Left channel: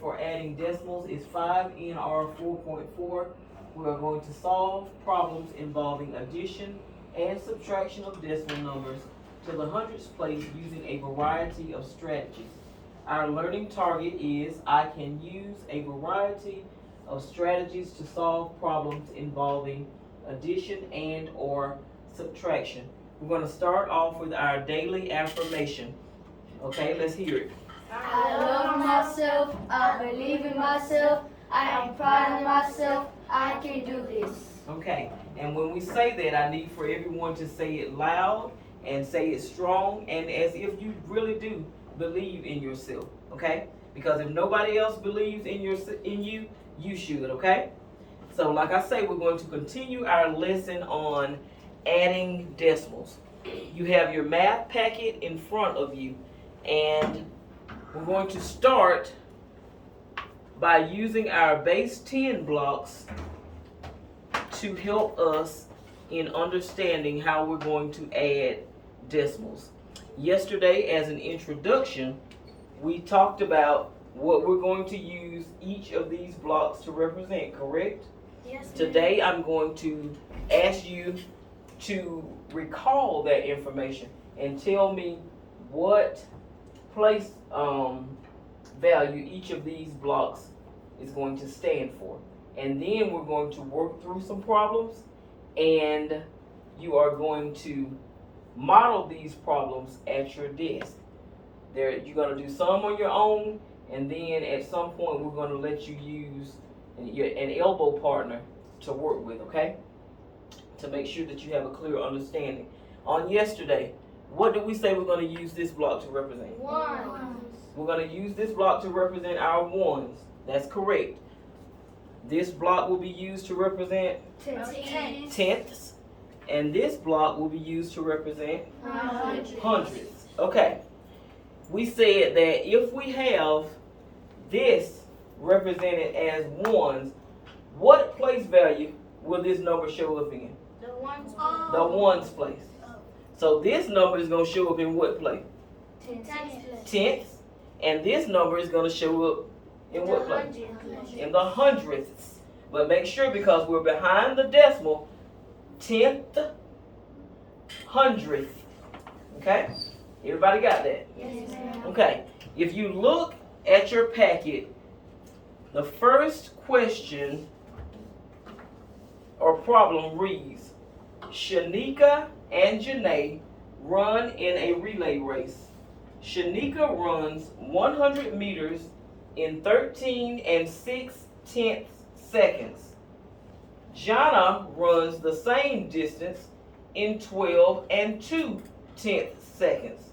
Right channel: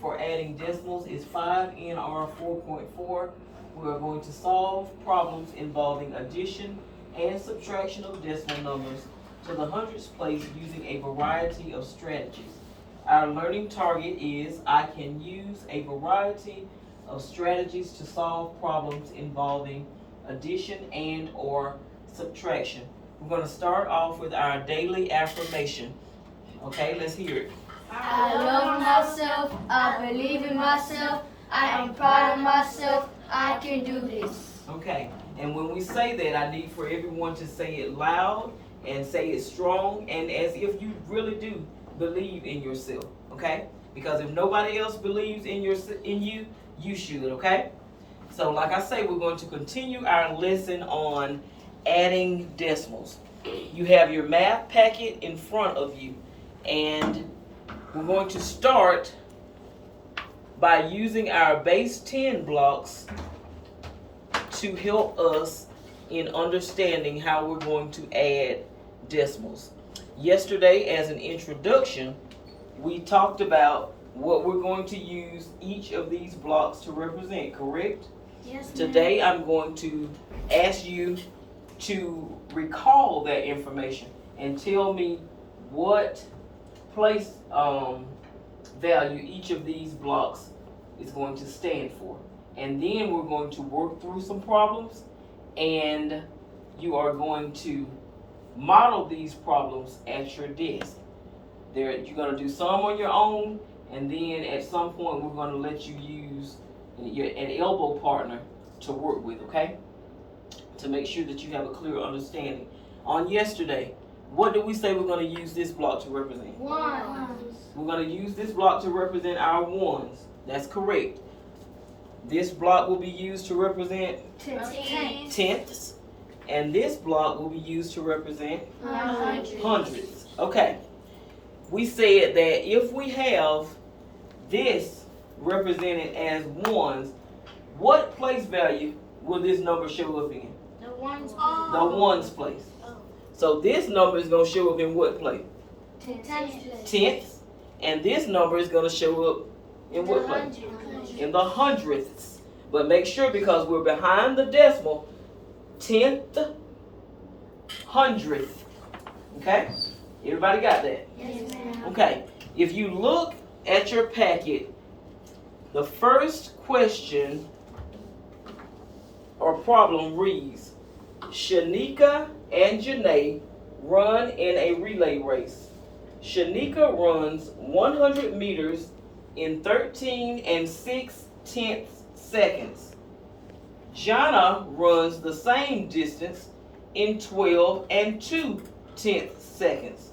for adding decimals is 5NR 4.4. We are going to solve problems involving addition and subtraction of decimal numbers to the hundredths place using a variety of strategies. Our learning target is I can use a variety of strategies to solve problems involving addition and or subtraction. We're going to start off with our daily affirmation. Okay, let's hear it. I love myself, I believe in myself, I am proud of myself, I can do this. Okay, and when we say that, I need for everyone to say it loud and say it strong and as if you really do believe in yourself, okay? Because if nobody else believes in you, you should, okay? So like I say, we're going to continue our lesson on adding decimals. You have your math packet in front of you, and we're going to start by using our base 10 blocks to help us in understanding how we're going to add decimals. Yesterday, as an introduction, we talked about what we're going to use each of these blocks to represent, correct? Yes, ma'am. Today, I'm going to ask you to recall that information and tell me what place value each of these blocks is going to stand for. And then we're going to work through some problems, and you are going to model these problems at your desk. You're going to do some on your own, and then at some point we're going to let you use an elbow partner to work with, okay? To make sure that you have a clear understanding. On yesterday, what did we say we're going to use this block to represent? Ones. We're going to use this block to represent our ones. That's correct. This block will be used to represent tenths, and this block will be used to represent hundredths. Okay. We said that if we have this represented as ones, what place value will this number show up in? The ones. The ones place. So this number is going to show up in what place? Tenths. And this number is going to show up in what place? In the hundredths. But make sure, because we're behind the decimal, tenth, hundredth. Okay? Everybody got that? Yes, ma'am. Okay. If you look at your packet, the first question or problem reads, Shanika and Janae run in a relay race. Shanika runs 100 meters in 13 6/10 seconds. Jana runs the same distance in 12 2/10 seconds.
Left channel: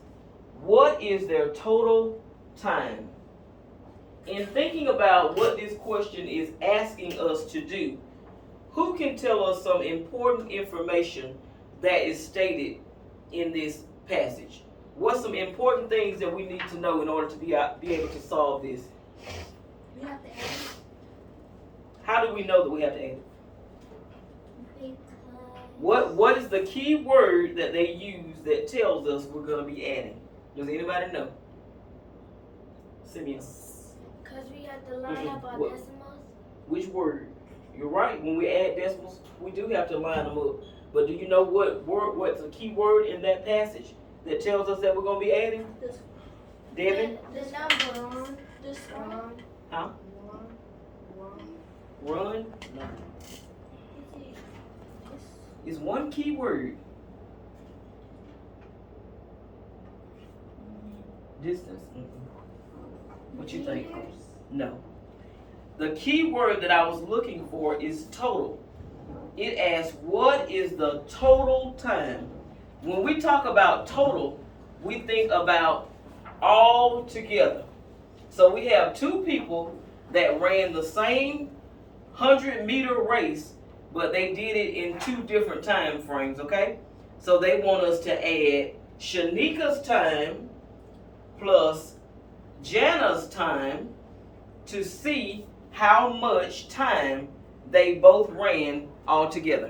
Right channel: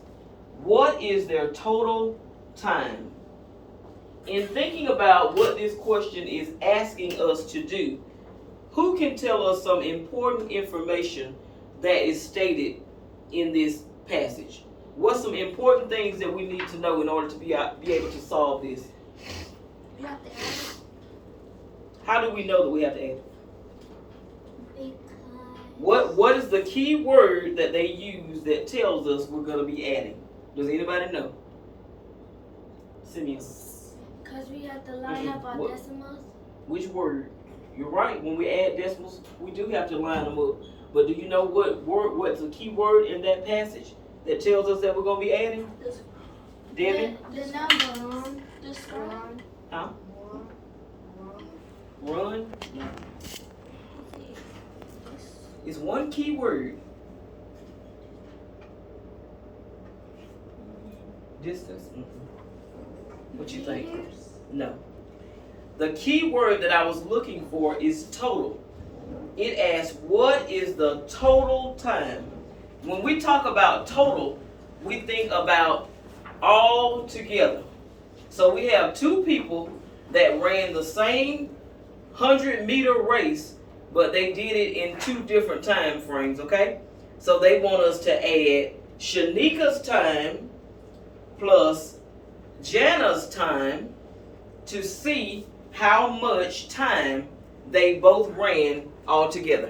What is their total time? In thinking about what this question is asking us to do, who can tell us some important information that is stated in this passage? What's some important things that we need to know in order to be able to solve this? We have to add it. How do we know that we have to add it? Because What is the key word that they use that tells us we're going to be adding? Does anybody know? Simeon. Because we have to line up our What? decimals. Which word? You're right. When we add decimals, we do have to line them up. But do you know what's the key word in that passage that tells us that we're going to be adding? Debbie? The number. The score. Huh? Run? No. It's one key word. Distance? What you think? No. The key word that I was looking for is total. It asks, what is the total time? When we talk about total, we think about all together. So we have two people that ran the same 100-meter race, but they did it in two different time frames, okay? So they want us to add Shanika's time plus Jana's time to see how much time they both ran all together.